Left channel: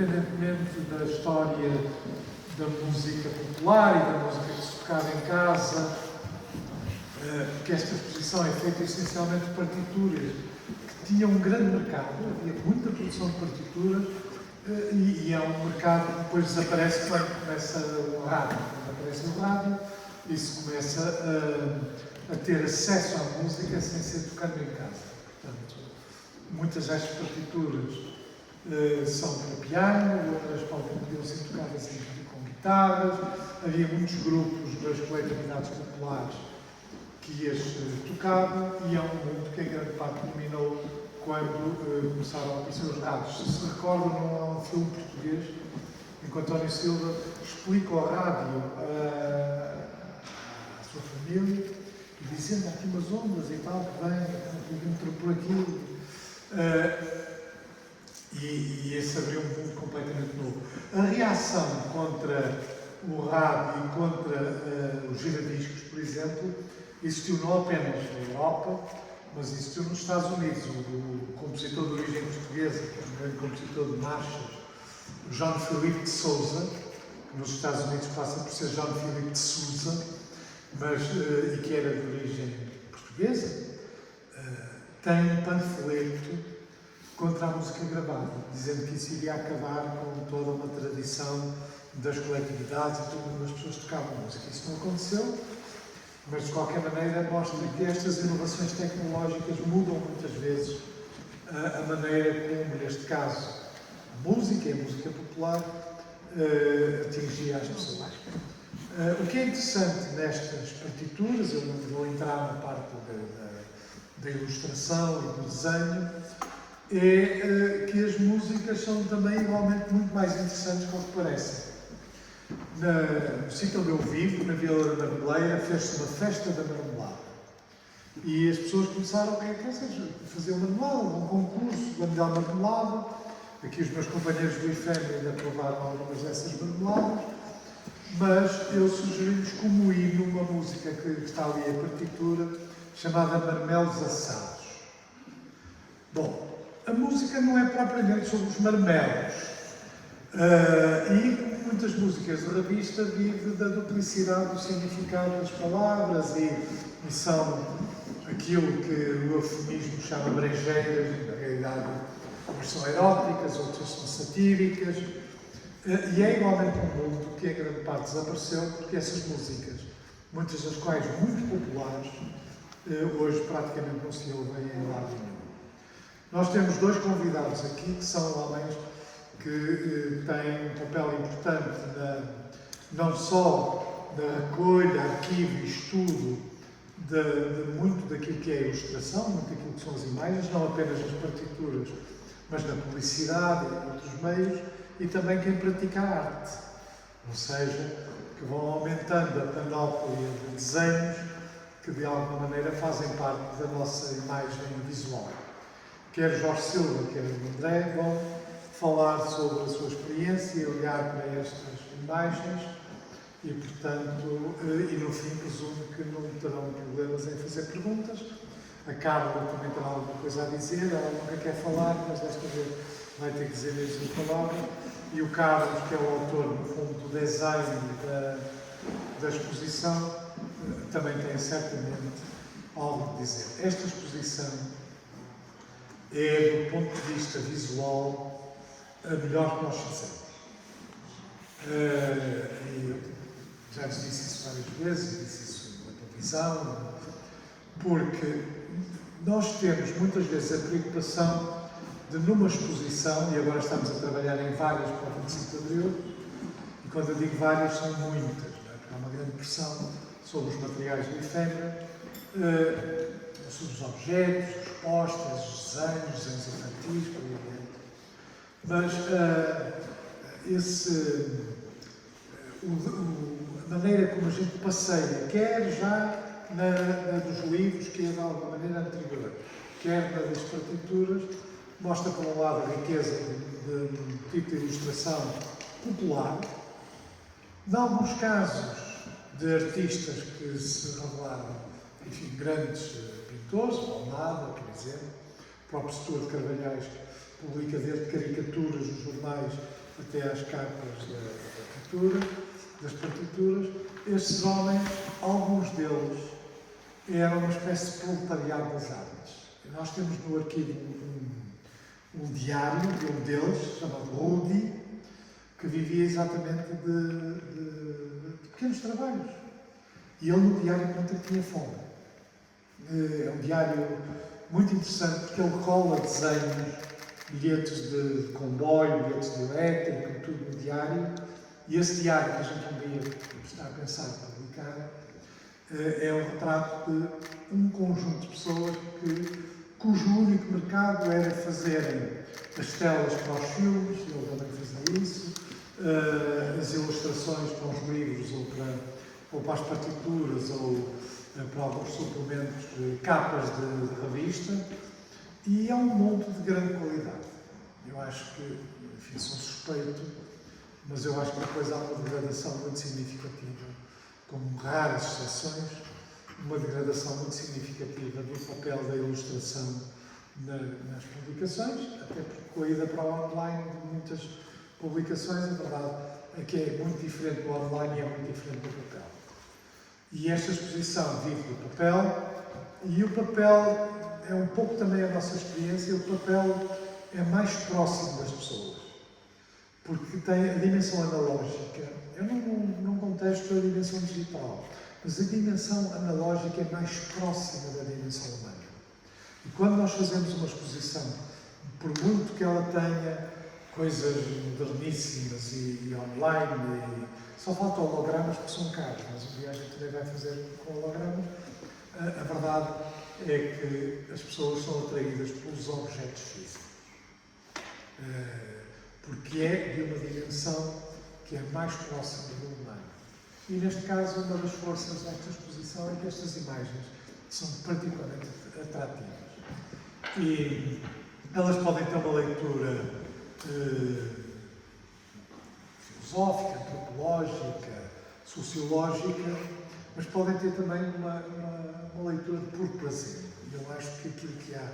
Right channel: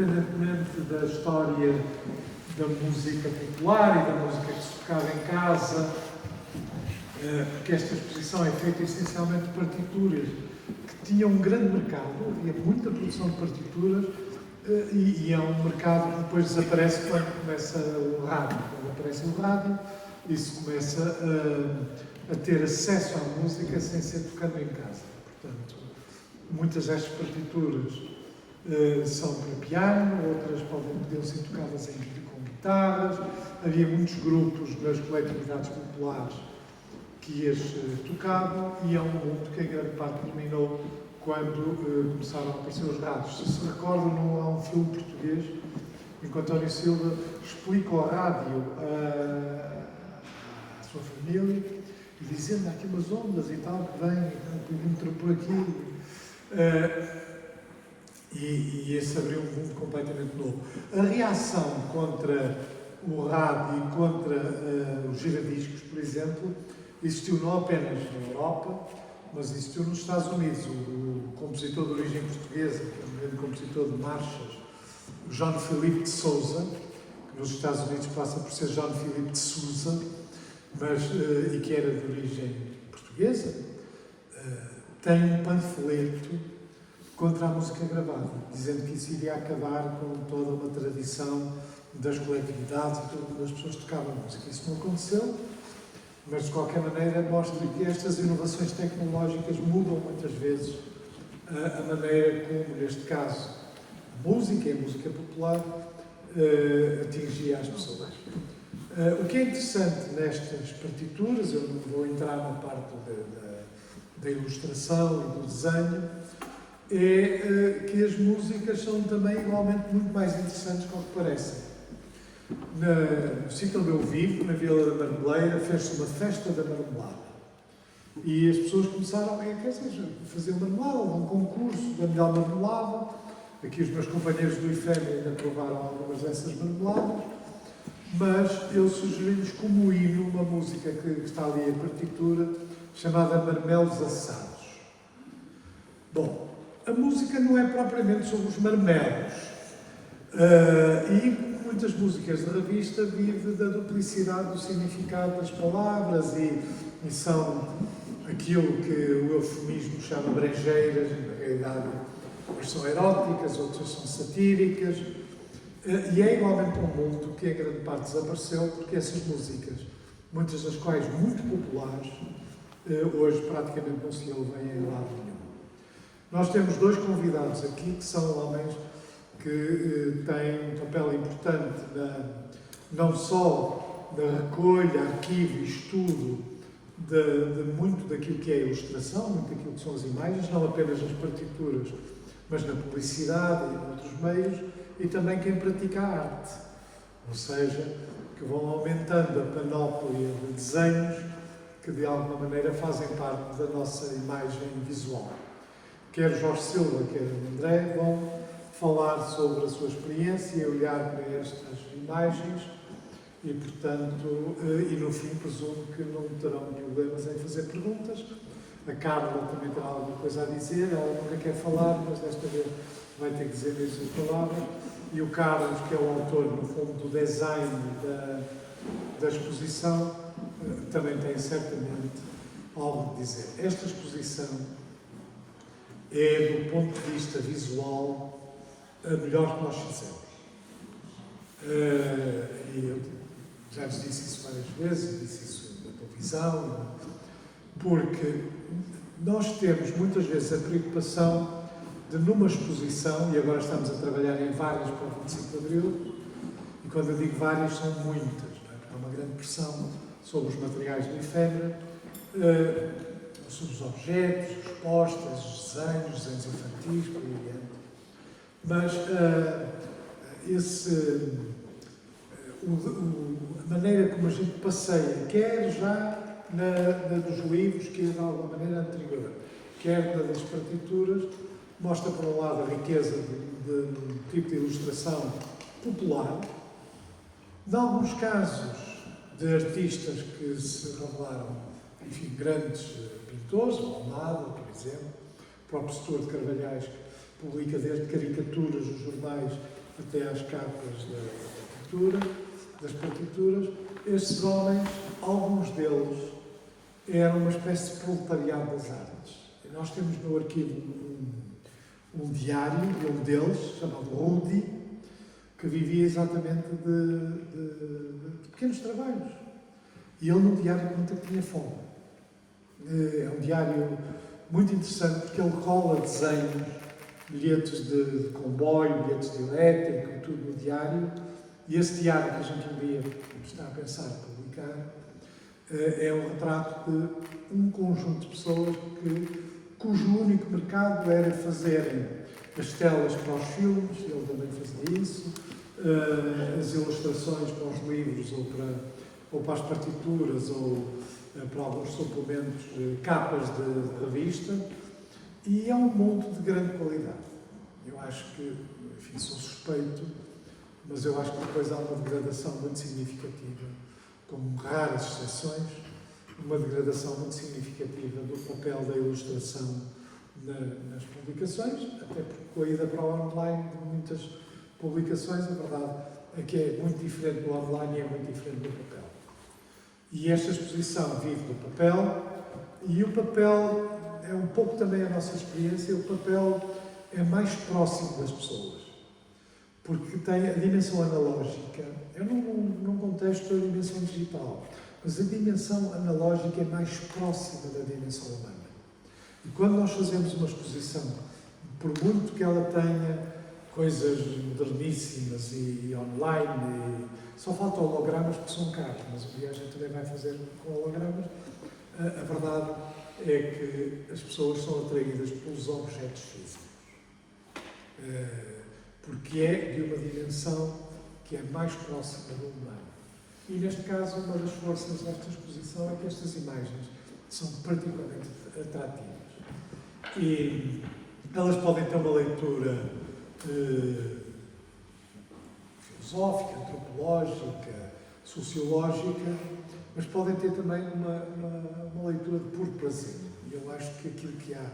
independentemente da história da música popular e da música que se tocava em casa, que esta exposição é feita essencialmente de partituras que tinham um grande mercado, havia muita produção de partituras e é um mercado que depois desaparece quando começa o rádio. Quando aparece o rádio, isso começa a ter acesso à música sem ser tocado em casa. Portanto, muitas destas partituras são para piano, outras podiam ser tocadas com guitarras. Havia muitos grupos nas coletividades populares que as tocavam e é um mundo que a grande parte dominou quando começaram a aparecer os rádios. Se recordam, não há um filme português em que António Silva explica ao rádio à sua família, dizendo aqui umas ondas e tal, que vem por aqui. E esse abriu um mundo completamente novo. A reação contra o rádio e contra os giradiscos, por exemplo, existiu não apenas na Europa, mas existiu nos Estados Unidos. O compositor de origem portuguesa, que é um grande compositor de marchas, João Filipe de Sousa, que nos Estados Unidos passa por ser João Filipe de Sousa, e que era de origem portuguesa, tem um panfleto contra a música gravada, dizendo que isso iria acabar com toda uma tradição das coletividades e todas as pessoas que tocavam música. Isso não aconteceu, mas de qualquer maneira mostra que estas inovações tecnológicas mudam muitas vezes a maneira como, neste caso, a música e a música popular atingia as pessoas. O que é interessante nestas partituras, eu não vou entrar na parte da ilustração e do desenho, é que as músicas são também igualmente muito mais interessantes do que parecem. No sítio onde eu vivo, na Vila da Marmeleira, fez-se uma festa da marmelada. E as pessoas começaram a fazer marmelada, um concurso da melhor marmelada. Aqui os meus companheiros do IFEM ainda provaram algumas dessas marmeladas. Mas eu sugeri-lhes como hino uma música que está ali a partitura, chamada Marmelos Assados. Bom, a música não é propriamente sobre os marmelos. E muitas músicas de revista vivem da duplicidade do significado das palavras e são aquilo que o eufemismo chama brejeiras, e na realidade umas são eróticas, outras são satíricas. E é igualmente um mundo que a grande parte desapareceu, porque essas músicas, muitas das quais muito populares, hoje praticamente não se ouvem em lado nenhum. Nós temos dois convidados aqui que são homens que têm um papel importante não só na recolha, arquivo e estudo de muito daquilo que é a ilustração, muito daquilo que são as imagens, não apenas nas partituras, mas na publicidade e em outros meios, e também quem pratica a arte, ou seja, que vão aumentando a panóplia de desenhos que de alguma maneira fazem parte da nossa imagem visual. Quer Jorge Silva, quer André vão falar sobre a sua experiência e olhar para estas imagens e, portanto, e no fim presumo que não terão problemas em fazer perguntas. A Carla também tem alguma coisa a dizer, ela nunca quer falar, mas desta vez vai ter que dizer estas palavras. E o Carlos, que é o autor, no fundo, do design da exposição, também tem certamente algo a dizer. Esta exposição é, do ponto de vista visual, a melhor que nós fizemos. Eu já lhes disse isso várias vezes, disse isso na televisão, porque nós temos muitas vezes a preocupação de, numa exposição, e agora estamos a trabalhar em várias para o 25 de Abril, e quando eu digo várias, são muitas, há uma grande pressão sobre os materiais do efêmero, sobre os objetos, os posters, os desenhos infantis, por aí adiante. Mas a maneira como a gente passeia, quer já na dos livros, que é de alguma maneira anterior, quer na das partituras, mostra, por um lado, a riqueza de tipo de ilustração popular, em alguns casos de artistas que se revelaram, enfim, grandes pintores, Almada, por exemplo, o próprio Setor de Carvalhais publica desde caricaturas nos jornais até às capas das partituras, estes homens, alguns deles, eram uma espécie de proletariado das artes. E nós temos no arquivo um diário de um deles, chamado Rudi, que vivia exatamente de pequenos trabalhos. E ele no diário conta que tinha fome. É um diário muito interessante porque ele cola desenhos, bilhetes de comboio, bilhetes de elétrico, tudo no diário. E esse diário que a gente um dia está a pensar em publicar é o retrato de um conjunto de pessoas cujo único mercado era fazerem as telas para os filmes, ele também fazia isso, as ilustrações para os livros ou para as partituras ou para alguns suplementos, capas de revista, e é um monte de grande qualidade. Eu acho que, enfim, sou suspeito, mas eu acho que depois há uma degradação muito significativa, com raras exceções, uma degradação muito significativa do papel da ilustração nas publicações, até porque com a ida para o online de muitas publicações, a verdade é que é muito diferente do online e é muito diferente do papel. E esta exposição vive do papel, e o papel é um pouco também a nossa experiência, o papel é mais próximo das pessoas, porque tem a dimensão analógica. Eu não contesto a dimensão digital, mas a dimensão analógica é mais próxima da dimensão humana. E quando nós fazemos uma exposição, por muito que ela tenha coisas moderníssimas e online, só faltam hologramas que são caros, mas o dia a gente também vai fazer com hologramas, a verdade é que as pessoas são atraídas pelos objetos físicos. Porque é de uma dimensão que é mais próxima do humano. E neste caso, uma das forças desta exposição é que estas imagens são particularmente atrativas. E elas podem ter uma leitura filosófica, antropológica, sociológica, mas podem ter também uma leitura de puro prazer. E eu acho que aquilo que há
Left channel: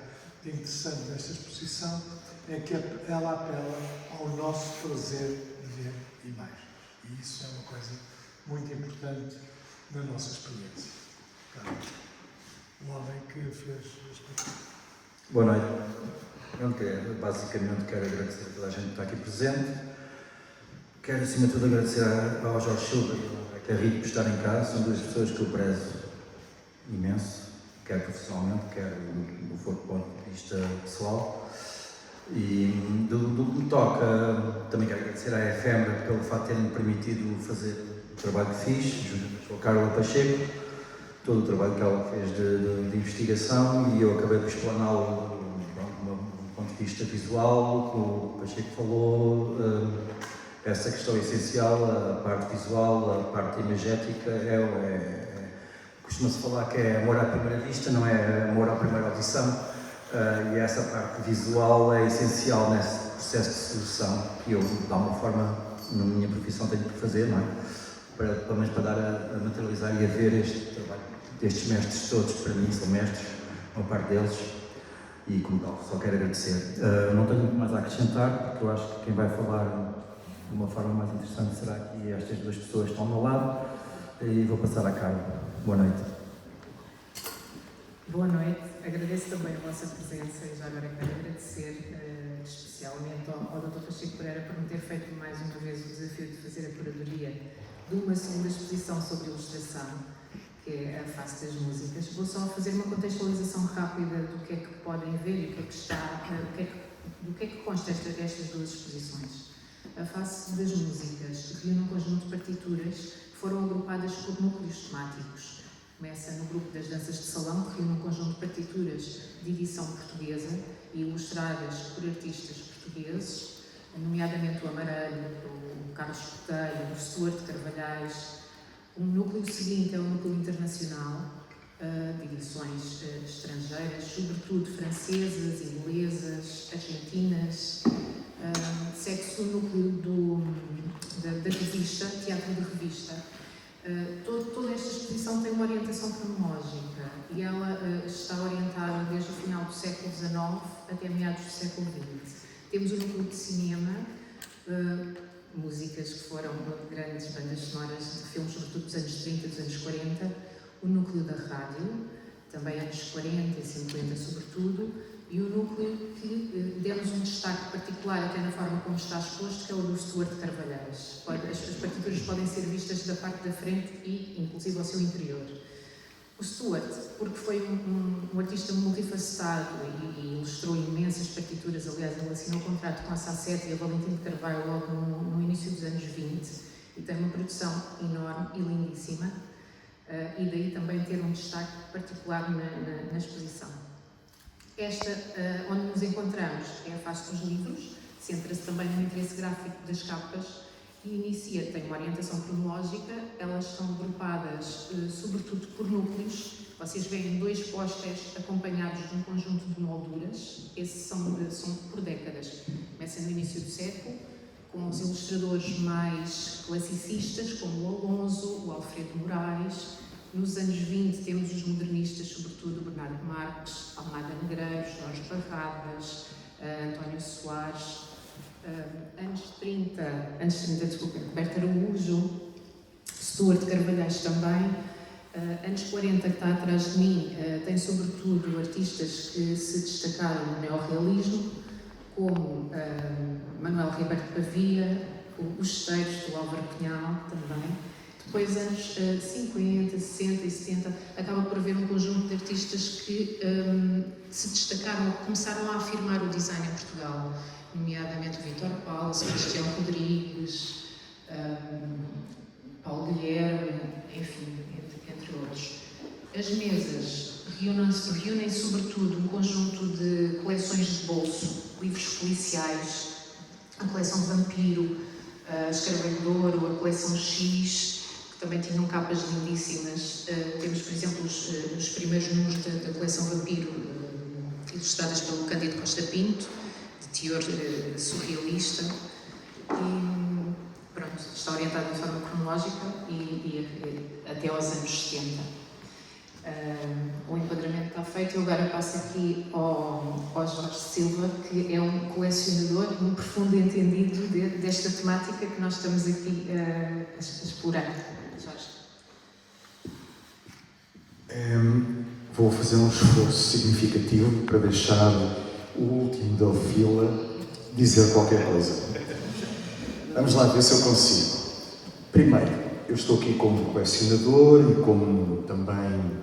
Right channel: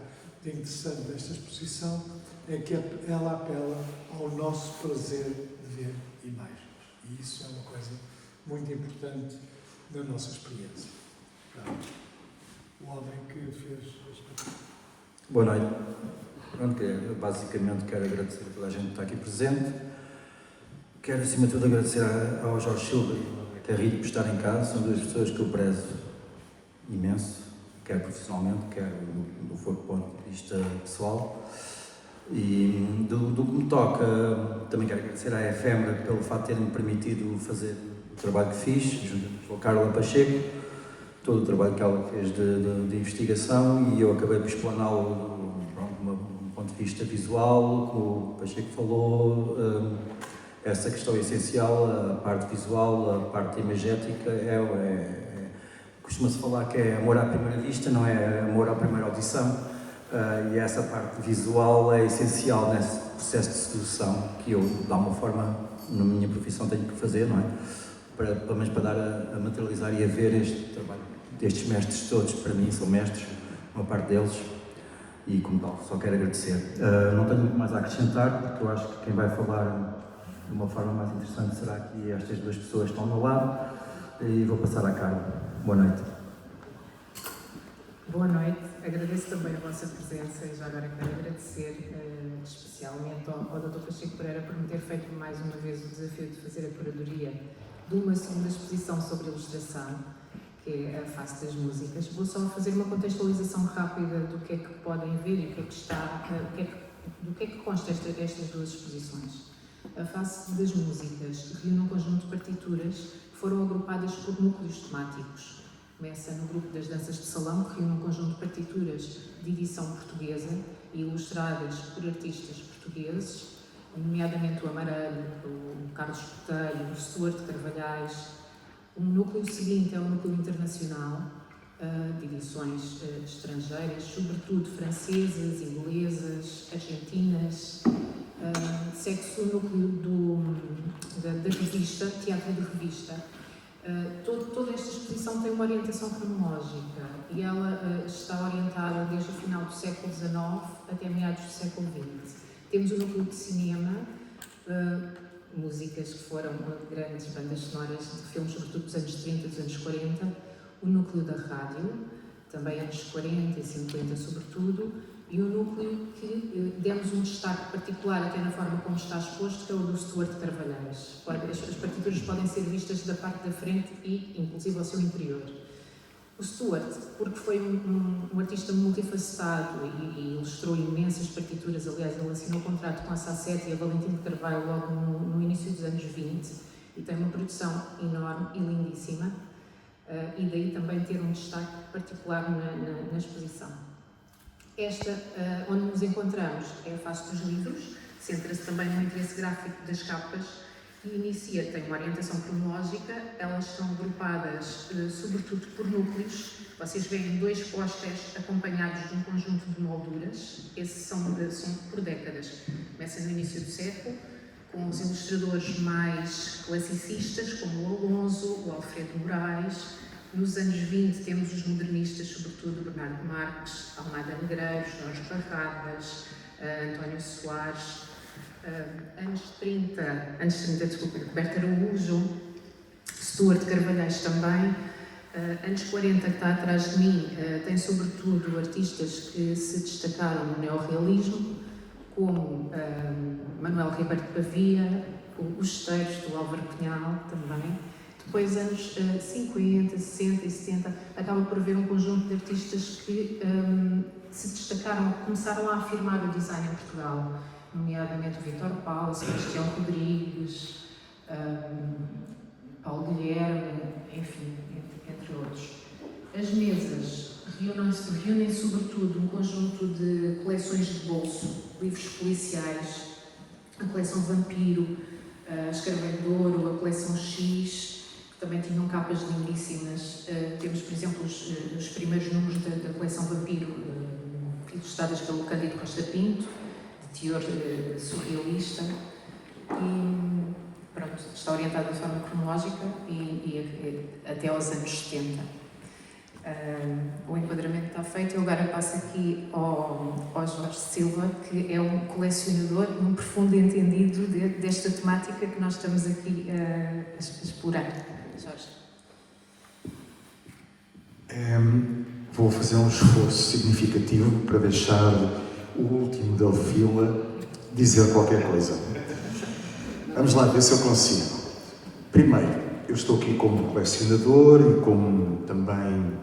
de interessante nesta exposição é que ela apela ao nosso prazer de ver imagens. E isso é uma coisa muito importante na nossa experiência. O homem que fez este. Boa noite. Basicamente quero agradecer a toda a gente que está aqui presente. Quero, acima de tudo, agradecer ao Jorge Silva e à Rita por estarem em casa. São duas pessoas que eu prezo imenso, quer profissionalmente, quer do ponto de vista pessoal. E do que me toca, também quero agradecer à FM pelo facto de ter-me permitido fazer o trabalho que fiz, junto com a Carla Pacheco, todo o trabalho que ela fez de investigação, e eu acabei por explaná-lo do ponto de vista visual, que o Pacheco falou, essa questão essencial, a parte visual, a parte imagética, costuma-se falar que é amor à primeira vista, não é amor à primeira audição. E essa parte visual é essencial nesse processo de sedução que eu, de alguma forma, na minha profissão tenho que fazer, não é? Pelo menos para dar a materializar e a ver este trabalho destes mestres todos, para mim são mestres, uma parte deles, e como tal, só quero agradecer. Não tenho muito mais a acrescentar, porque eu acho que quem vai falar de uma forma mais interessante será aqui estas duas pessoas que estão ao meu lado, e vou passar à Carla. Boa noite. Boa noite, agradeço também a vossa presença e já agora quero agradecer especialmente ao Dr. Pacheco Pereira por me ter feito mais uma vez o desafio de fazer a curadoria de uma segunda exposição sobre ilustração, que é a face das músicas. Vou só fazer uma contextualização rápida do que é que podem ver e do que é que consta estas duas exposições. A face das músicas reúne um conjunto de partituras que foram agrupadas por núcleos temáticos. Começa no grupo das danças de salão, que reúne um conjunto de partituras de edição portuguesa e ilustradas por artistas portugueses, nomeadamente o Amarelho, o Carlos Botelho, o Stuart Carvalhais. O núcleo seguinte é o núcleo internacional, de edições estrangeiras, sobretudo francesas, inglesas, argentinas. Segue-se o núcleo da revista, teatro de revista. Toda esta exposição tem uma orientação cronológica e ela está orientada desde o final do século XIX até meados do século XX. Temos o núcleo de cinema, músicas que foram grandes bandas sonoras de filmes, sobretudo dos anos 30 e dos anos 40, o núcleo da rádio, também anos 40 e 50 sobretudo, e o núcleo que demos um destaque particular até na forma como está exposto, que é o do Stuart Carvalhais. As partituras podem ser vistas da parte da frente e inclusive ao seu interior. O Stuart, porque foi um artista multifacetado e ilustrou imensas partituras, aliás, ele assinou contrato com a Sasset e a Valentim de Carvalho logo no início dos anos 20, e tem uma produção enorme e lindíssima, e daí também ter um destaque particular na exposição. Esta, onde nos encontramos, é a face dos livros, centra-se também no interesse gráfico das capas e inicia, tem uma orientação cronológica, elas são agrupadas sobretudo por núcleos. Vocês veem 2 pósteres acompanhados de um conjunto de molduras, esses são por décadas, começam no início do século, com os ilustradores mais classicistas, como o Alonso, o Alfredo Moraes. Nos anos 20 temos os modernistas, sobretudo Bernardo Marques, Almada Negreiros, Jorge Barradas, António Soares. Anos 30, Roberto Araújo, Stuart Carvalhais também. Anos 40, que está atrás de mim, tem sobretudo artistas que se destacaram no neorrealismo, como Manuel Ribeiro de Pavia, os Esteiros do Álvaro Cunhal também. Depois, anos 50, 60 e 70, acaba por haver um conjunto de artistas que se destacaram, começaram a afirmar o design em Portugal, nomeadamente o Vítor Paula, Sebastião Rodrigues, Paulo Guilherme, enfim, entre outros. As mesas reúnem sobretudo um conjunto de coleções de bolso, livros policiais, a coleção Vampiro, a Escaravelho de Ouro, a coleção X, que também tinham capas lindíssimas. Temos, por exemplo, os primeiros números da coleção Vampiro, ilustradas pelo Cândido Costa Pinto, de teor surrealista, e pronto, está orientado de forma cronológica e até aos anos 70. O enquadramento está feito. Eu agora passo aqui ao Jorge Silva, que é um colecionador, um profundo entendido desta temática que nós estamos aqui a explorar. Jorge. Vou fazer um esforço significativo para deixar o último da fila dizer qualquer coisa. Vamos lá ver se eu consigo. Primeiro, eu estou aqui como colecionador e como também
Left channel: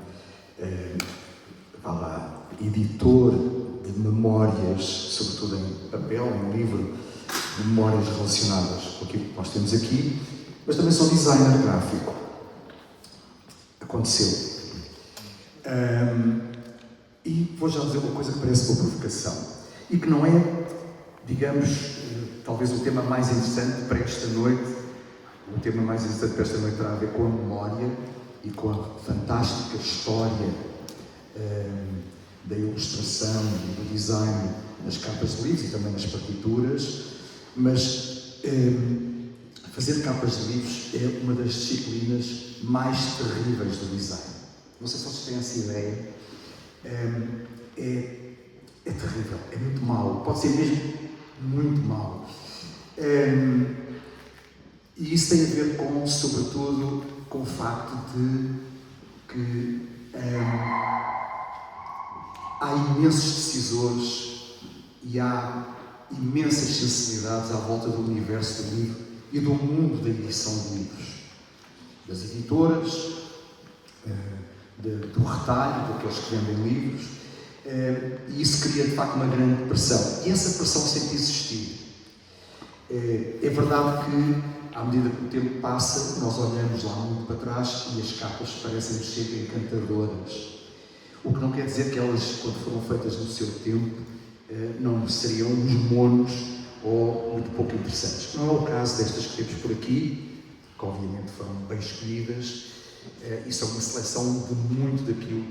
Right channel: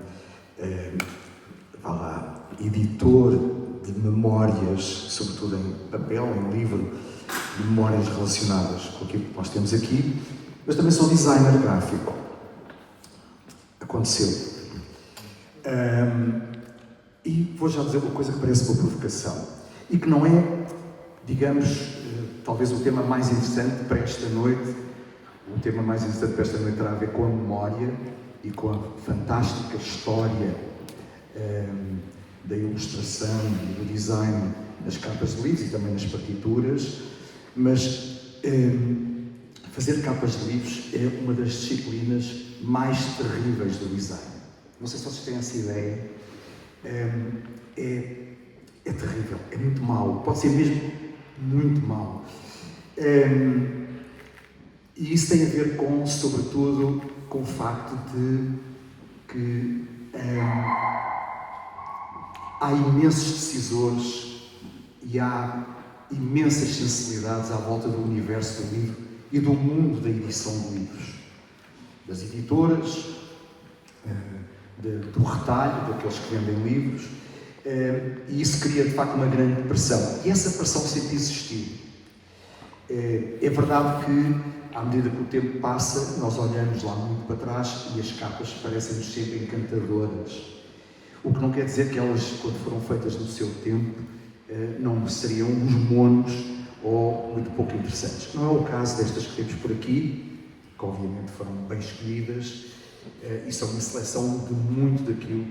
editor de memórias, sobretudo em papel, em livro, de memórias relacionadas com aquilo que nós temos aqui, mas também sou designer gráfico. Aconteceu. E vou já dizer uma coisa que parece uma provocação e que não é, digamos, talvez o tema mais interessante para esta noite. O tema mais interessante para esta noite terá a ver com a memória e com a fantástica história da ilustração e do design nas capas de livros e também nas partituras, mas fazer capas de livros é uma das disciplinas mais terríveis do design. Não sei se vocês têm essa ideia. É terrível, é muito mau, pode ser mesmo muito mau. E isso tem a ver com, sobretudo, com o facto de que há imensos decisores e há imensas sensibilidades à volta do universo do livro e do mundo da edição de livros, das editoras, do retalho, daqueles que vendem livros, e isso cria de facto uma grande pressão, e essa pressão sempre existiu. É verdade que, à medida que o tempo passa, nós olhamos lá muito para trás e as capas parecem-nos sempre encantadoras, o que não quer dizer que elas, quando foram feitas no seu tempo, não seriam uns monos ou muito pouco interessantes. Não é o caso destas que temos por aqui, que obviamente foram bem escolhidas, e são uma seleção de muito daquilo,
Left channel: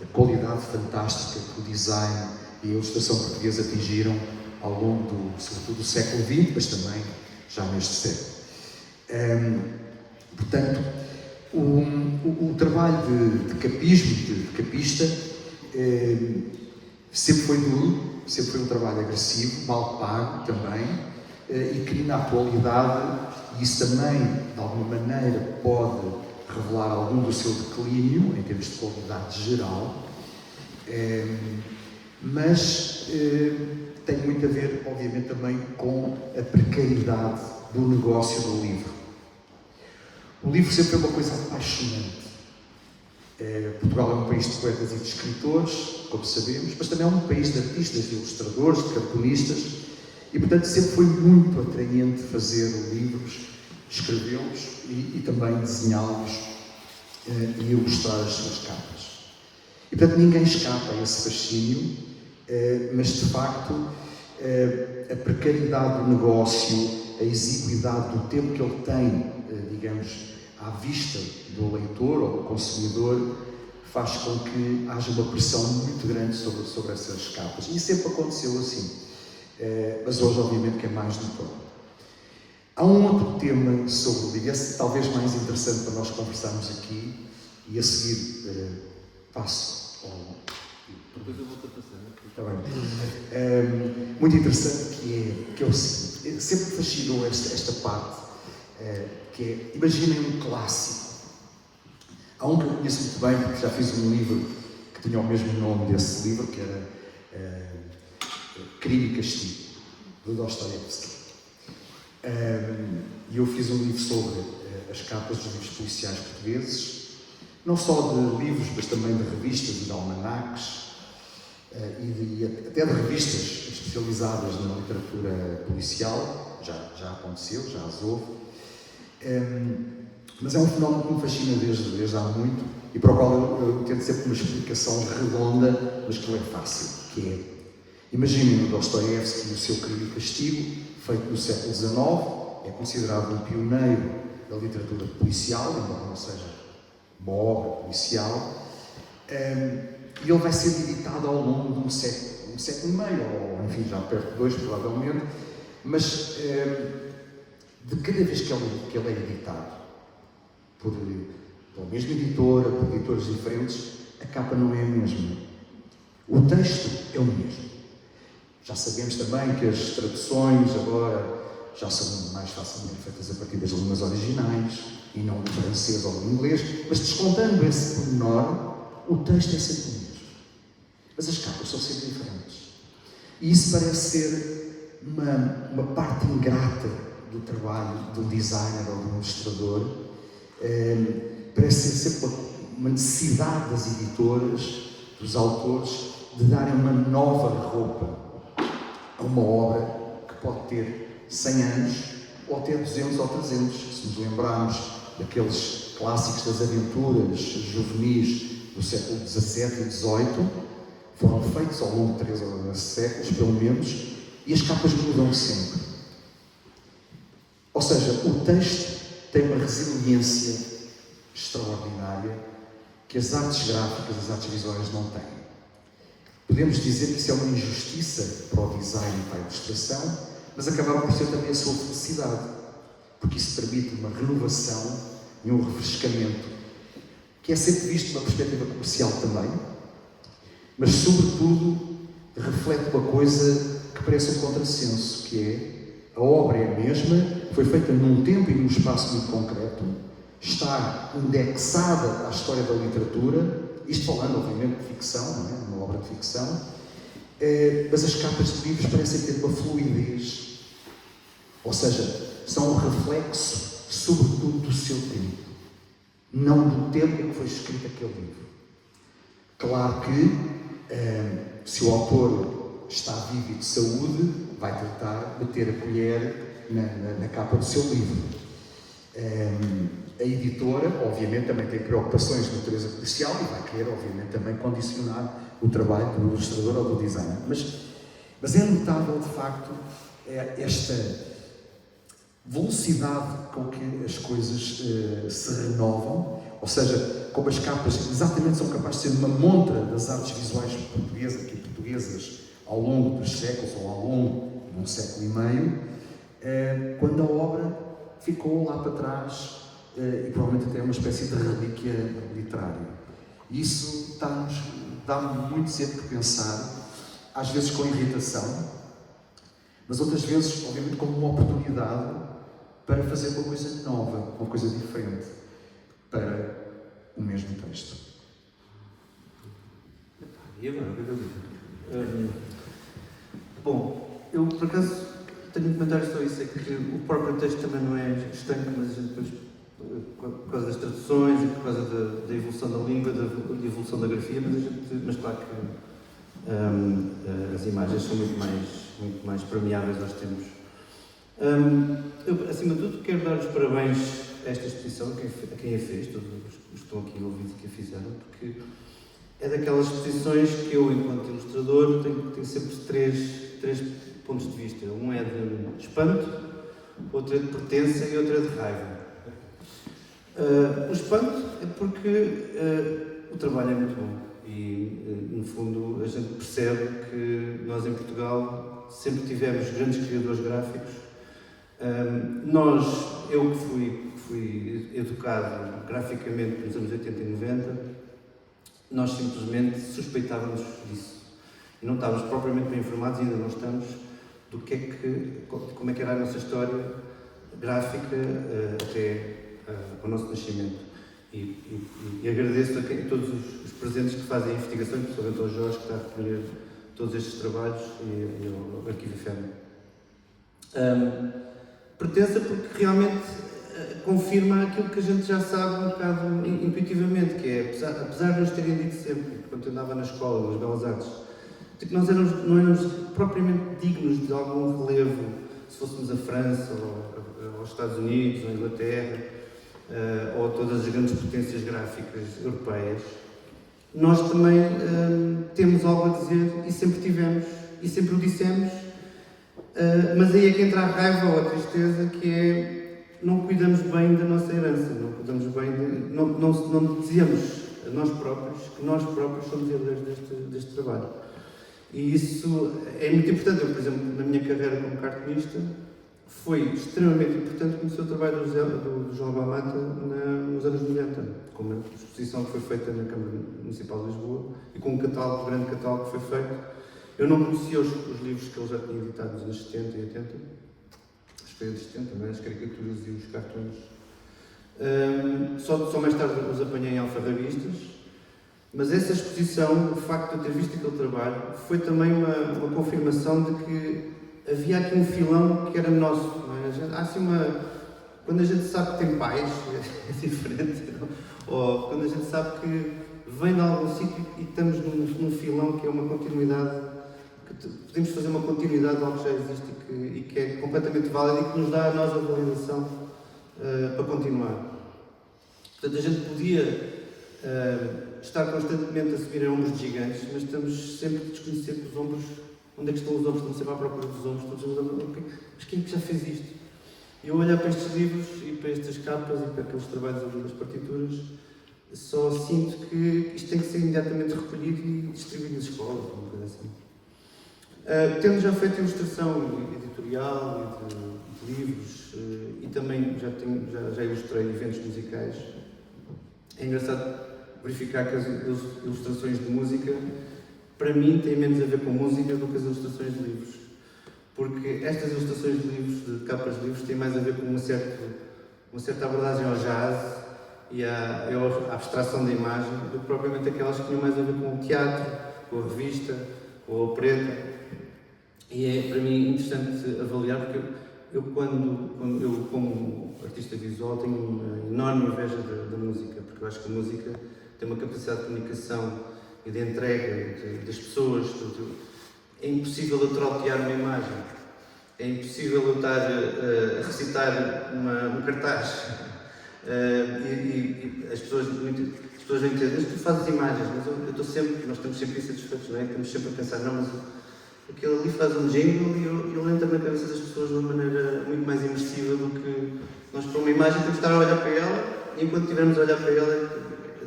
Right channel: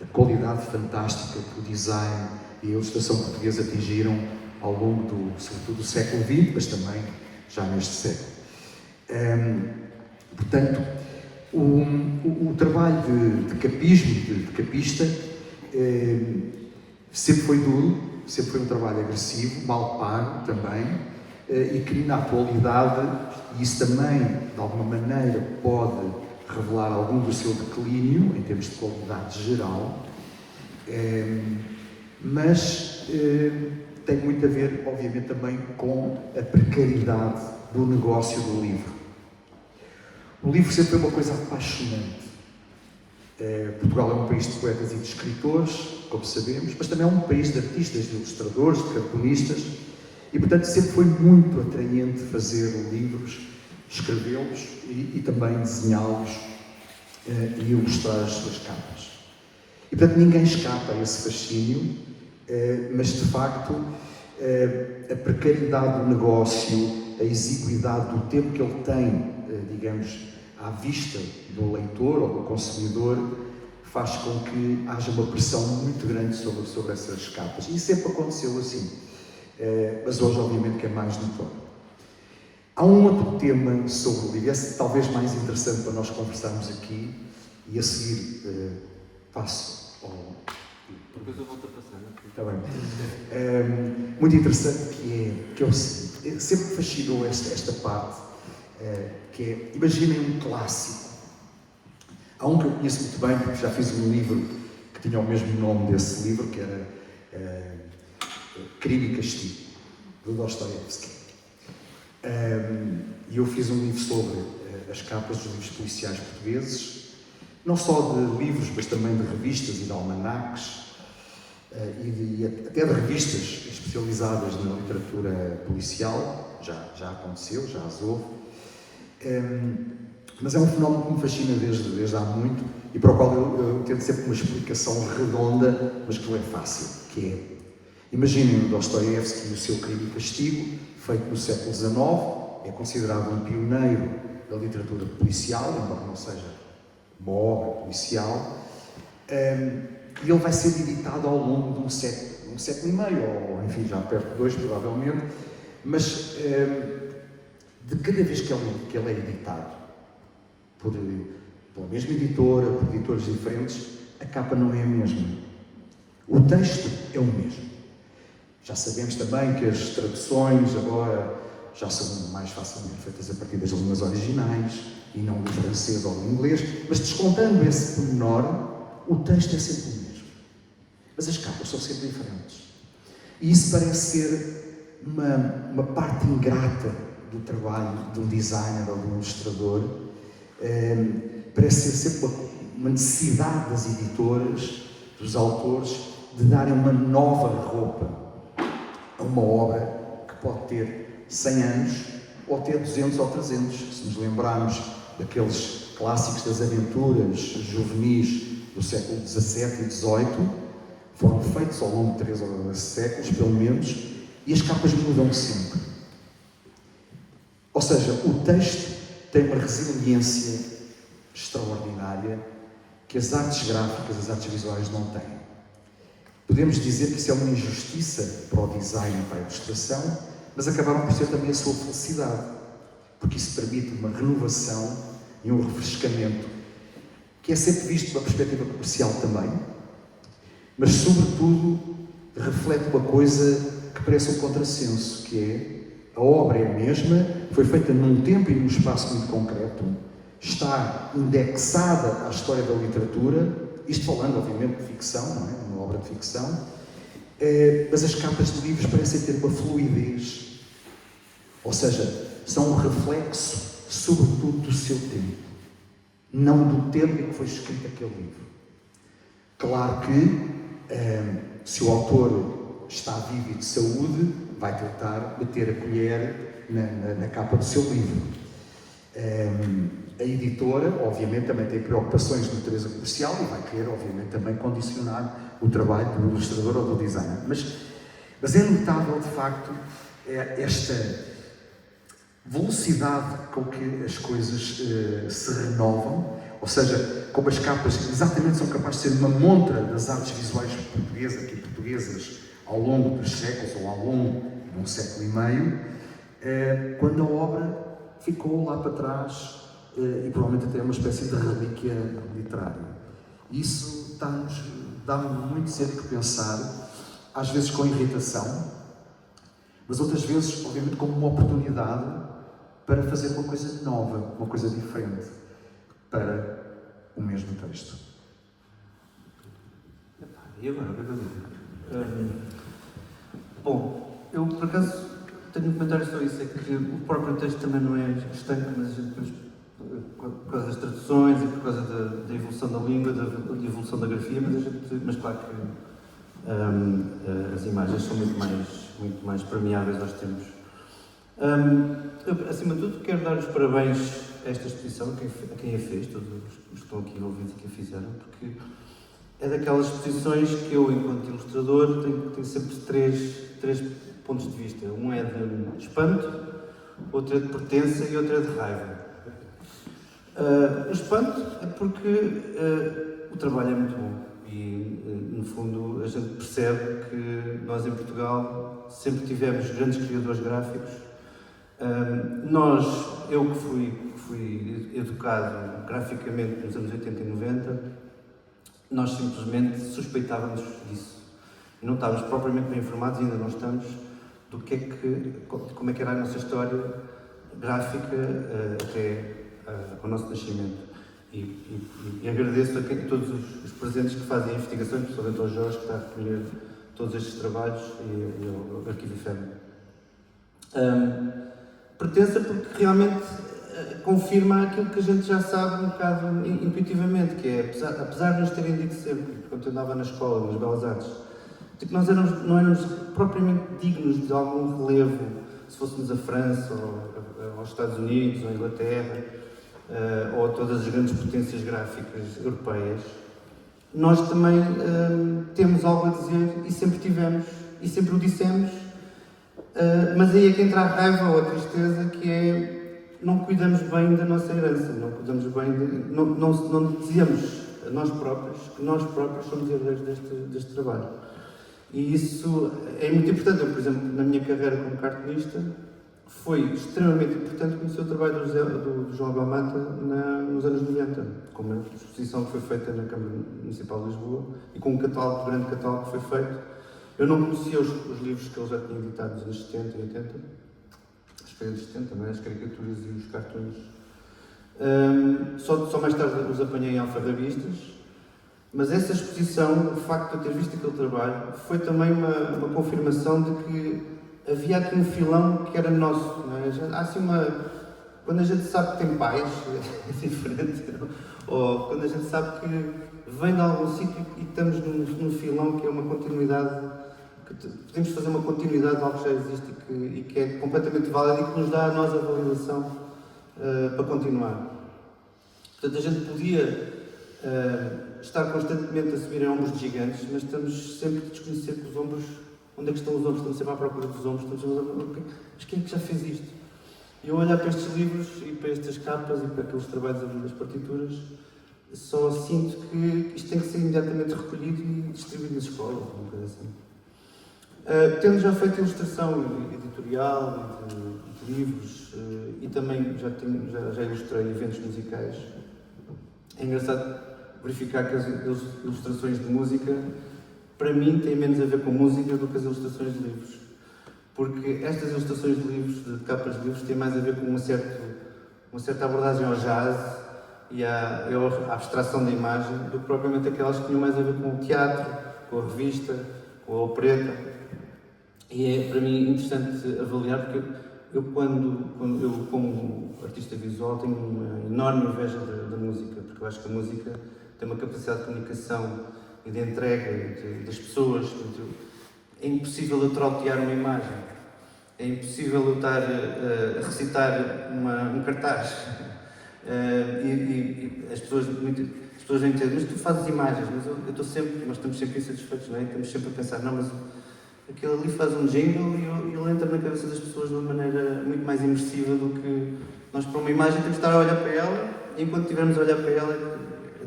da qualidade fantástica que o design e a ilustração portuguesa atingiram ao longo sobretudo do século XX, mas também já neste século. Portanto, o trabalho de capismo, de capista, sempre foi duro, sempre foi um trabalho agressivo, mal pago também, e que na atualidade, e isso também, de alguma maneira, pode revelar algum do seu declínio, em termos de qualidade geral, mas tem muito a ver, obviamente, também com a precariedade do negócio do livro. O livro sempre foi uma coisa apaixonante. Portugal é um país de poetas e de escritores, como sabemos, mas também é um país de artistas, de ilustradores, de cartunistas, e, portanto, sempre foi muito atraente fazer livros, escrevê-los e também desenhá-los e ilustrar as suas capas. E, portanto, ninguém escapa a esse fascínio, mas, de facto, a precariedade do negócio, a exiguidade do tempo que ele tem, digamos, à vista do leitor ou do consumidor, faz com que haja uma pressão muito grande sobre essas capas. E sempre aconteceu assim, mas hoje, obviamente, que é mais notório. Há um outro tema sobre o livro, esse talvez mais interessante para nós conversarmos aqui, e a seguir passo ao... Depois eu volto a passar, não é? Está bem. Muito interessante, que é o seguinte, sempre me fascinou esta parte, que é, imaginem um clássico. Há um que eu conheço muito bem, porque já fiz um livro que tinha o mesmo nome desse livro, que era Crime e Castigo, do Dostoiévski. E eu fiz um livro sobre as capas dos livros policiais portugueses, não só de livros, mas também de revistas e de almanaques, e até de revistas especializadas na literatura policial. Já aconteceu, já as houve. Mas é um fenómeno que me fascina desde há muito e para o qual eu tento sempre uma explicação redonda, mas que não é fácil, que é, imaginem o Dostoiévski e o seu Crime e Castigo, feito no século XIX, é considerado um pioneiro da literatura policial, embora não seja uma obra policial, e ele vai ser editado ao longo de um século e meio, ou enfim, já perto de 2, provavelmente, mas de cada vez que ele é editado pela mesma editora, por editores diferentes, a capa não é a mesma. O texto é o mesmo. Já sabemos também que as traduções agora já são mais facilmente feitas a partir das línguas originais e não do francês ou do inglês, mas descontando esse pormenor, o texto é sempre o mesmo. Mas as capas são sempre diferentes. E isso parece ser uma parte ingrata do trabalho de um designer ou de um ilustrador. Parece ser sempre uma necessidade das editoras, dos autores, de darem uma nova roupa a uma obra que pode ter 100 anos ou ter 200 ou 300. Se nos lembrarmos daqueles clássicos das aventuras juvenis do século XVII e XVIII, foram feitos ao longo de 3 ou 4 séculos, pelo menos, e as capas mudam sempre. Ou seja, o texto tem uma resiliência extraordinária que as artes gráficas, as artes visuais não têm. Podemos dizer que isso é uma injustiça para o design e para a ilustração, mas acabaram por ser também a sua felicidade, porque isso permite uma renovação e um refrescamento, que é sempre visto pela perspectiva comercial também, mas sobretudo reflete uma coisa que parece um contrassenso, que é a obra é a mesma, foi feita num tempo e num espaço muito concreto, está indexada à história da literatura, isto falando, obviamente, de ficção, não é? Uma obra de ficção, mas as capas de livros parecem ter uma fluidez, ou seja, são um reflexo, sobretudo, do seu tempo, não do tempo em que foi escrito aquele livro. Claro que, se o autor está vivo e de saúde, vai tentar meter a colher na capa do seu livro. A editora, obviamente, também tem preocupações de natureza policial e vai querer, obviamente, também condicionar o trabalho do ilustrador ou do designer. Mas é notável, de facto, esta velocidade com que as coisas se renovam, ou seja, como as capas exatamente são capazes de ser uma montra das artes visuais portuguesas e portuguesas ao longo dos séculos, ou ao longo de um século e meio, quando a obra ficou lá para trás e provavelmente até uma espécie de relíquia literária. Isso dá-me muito sempre que pensar, às vezes com irritação, mas outras vezes, obviamente, como uma oportunidade para fazer uma coisa nova, uma coisa diferente para o mesmo texto. E agora, o que é que eu digo? Bom, eu por acaso tenho um comentário sobre isso, é que o próprio texto também não é estanque, mas a gente depois, por causa das traduções e por causa da evolução da língua, da evolução da grafia, mas claro que as imagens são muito mais permeáveis aos tempos. Eu, acima de tudo, quero dar os parabéns a esta exposição, a quem a fez, todos os que estão aqui ouvidos e que a fizeram, porque é daquelas exposições que eu, enquanto ilustrador, tenho sempre três pontos de vista. Um é de espanto, outro é de pertença e outro é de raiva. O espanto é porque o trabalho é muito bom e, no fundo, a gente percebe que nós, em Portugal, sempre tivemos grandes criadores gráficos. Eu que fui educado graficamente nos anos 80 e 90, nós simplesmente suspeitávamos disso. E não estávamos propriamente bem informados, e ainda não estamos, como é que era a nossa história gráfica até ao nosso nascimento. E agradeço a todos os presentes que fazem a investigação, principalmente ao Jorge, que está a recolher todos estes trabalhos, e ao Arquivo Efêmero. Pertença porque realmente confirma aquilo que a gente já sabe um bocado intuitivamente, que é, apesar de nos terem dito sempre, quando eu andava na escola, nas Belas Artes, de que nós não éramos propriamente dignos de algum relevo, se fôssemos a França, ou aos Estados Unidos, ou a Inglaterra, ou a todas as grandes potências gráficas europeias, nós também temos algo a dizer, e sempre tivemos, e sempre o dissemos, mas aí é que entra a raiva ou a tristeza, que é não cuidamos bem da nossa herança, não cuidamos bem não dizemos a nós próprios que nós próprios somos herdeiros deste trabalho. E isso é muito importante. Eu, por exemplo, na minha carreira como cartunista, foi extremamente importante conhecer o trabalho do João Abel-Mata nos anos 90, com uma exposição que foi feita na Câmara Municipal de Lisboa e com um grande catálogo que foi feito. Eu não conhecia os livros que ele já tinha editado nos anos 70 e 80, as feiras de 70 também, as caricaturas e os cartões. Só mais tarde os apanhei em alfarrabistas, mas essa exposição, o facto de eu ter visto aquele trabalho, foi também uma confirmação de que havia aqui um filão que era nosso. Não é? Há assim quando a gente sabe que tem pais, é diferente, ou quando a gente sabe que vem de algum sítio e estamos num filão que é uma continuidade, que podemos fazer uma continuidade de algo que já existe e que é completamente válido e que nos dá a nós a validação para continuar. Portanto, a gente podia estar constantemente a subir em ombros de gigantes, mas estamos sempre a desconhecer que os ombros, onde é que estão os ombros? Estamos sempre à procura dos ombros, mas quem é que já fez isto? E eu olhar para estes livros e para estas capas e para aqueles trabalhos ali das partituras, só sinto que isto tem que ser imediatamente recolhido e distribuído nas escolas, uma coisa assim. Tendo já feito ilustração editorial de livros e também já ilustrei eventos musicais, é engraçado verificar que as ilustrações de música, para mim, têm menos a ver com música do que as ilustrações de livros. Porque estas ilustrações de livros, de capas de livros, têm mais a ver com uma certa abordagem ao jazz e à abstração da imagem, do que propriamente aquelas que tinham mais a ver com o teatro, com a revista, com a opereta. E é, para mim, interessante avaliar, porque eu como artista visual, tenho uma enorme inveja da música, porque eu acho que a música tem uma capacidade de comunicação e de entrega das pessoas. É impossível eu trautear uma imagem, é impossível eu estar a recitar um cartaz. E as pessoas vêm dizer, mas tu fazes imagens, mas nós estamos sempre insatisfeitos, não é? Estamos sempre a pensar, não, mas aquilo ali faz um jingle e ele entra na cabeça das pessoas de uma maneira muito mais imersiva do que nós, para uma imagem, temos de estar a olhar para ela, e enquanto estivermos a olhar para ela,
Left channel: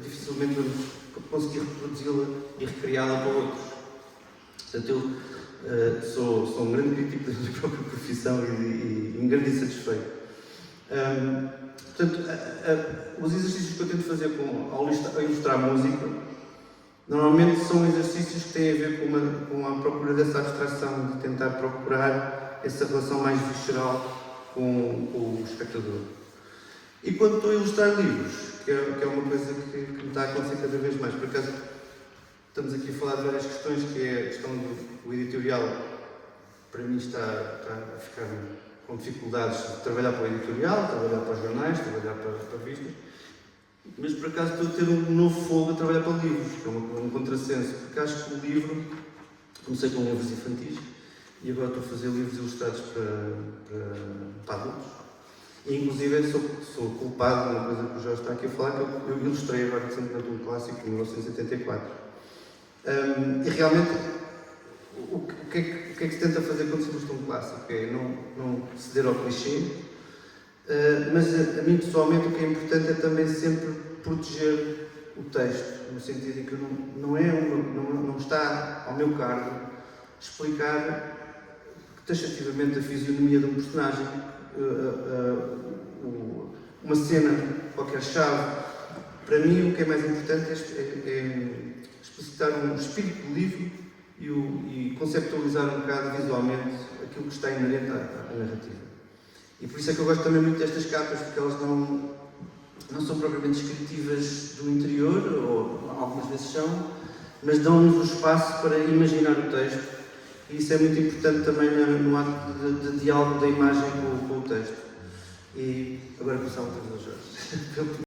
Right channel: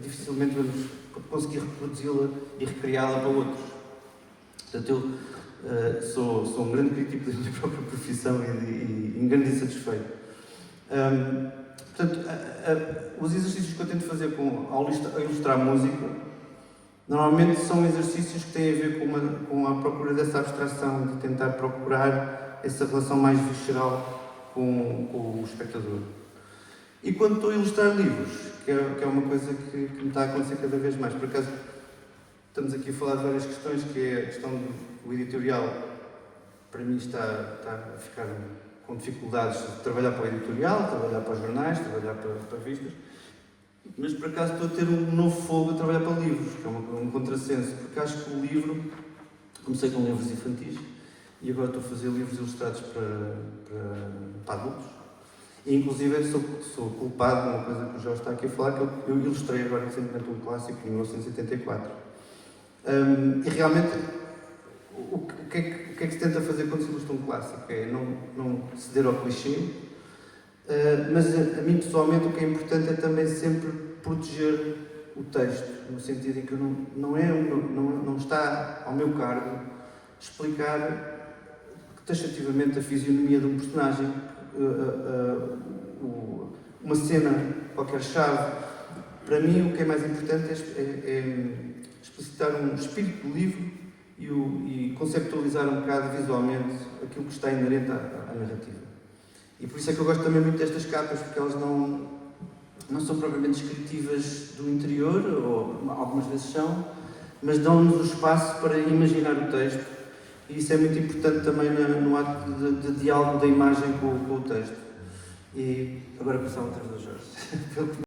dificilmente vamos conseguir reproduzi-la e recriá-la para outros. Portanto, eu sou um grande crítico da minha própria profissão e um grande insatisfeito. Portanto, os exercícios que eu tento fazer ao ilustrar música, normalmente são exercícios que têm a ver com a procura dessa abstração, de tentar procurar essa relação mais visceral com o espectador. E quando estou a ilustrar livros, que é uma coisa que me está a acontecer cada vez mais, por acaso estamos aqui a falar de várias questões, que é a questão do editorial, para mim está a ficar com dificuldades de trabalhar para o editorial, trabalhar para os jornais, trabalhar para revistas, mas por acaso estou a ter um novo fogo a trabalhar para livros, com um contrassenso, porque acho que o livro, comecei com livros infantis e agora estou a fazer livros ilustrados para adultos. E, inclusive, sou culpado de uma coisa que o Jorge está aqui a falar, que eu ilustrei agora recentemente um clássico de 1974. E realmente, o que é que se tenta fazer quando se ilustra um clássico? É não ceder ao clichê, mas a mim pessoalmente o que é importante é também sempre proteger o texto, no sentido em que não está ao meu cargo explicar taxativamente a fisionomia de um personagem, uma cena, qualquer chave. Para mim, o que é mais importante é explicitar um espírito do livro e conceptualizar um bocado visualmente aquilo que está inerente à narrativa. E por isso é que eu gosto também muito destas capas, porque elas não são propriamente descritivas do interior, ou algumas vezes são, mas dão-nos o espaço para imaginar o texto. E isso é muito importante também no ato de diálogo da imagem com o texto. E agora passava a outra vez ao Jorge.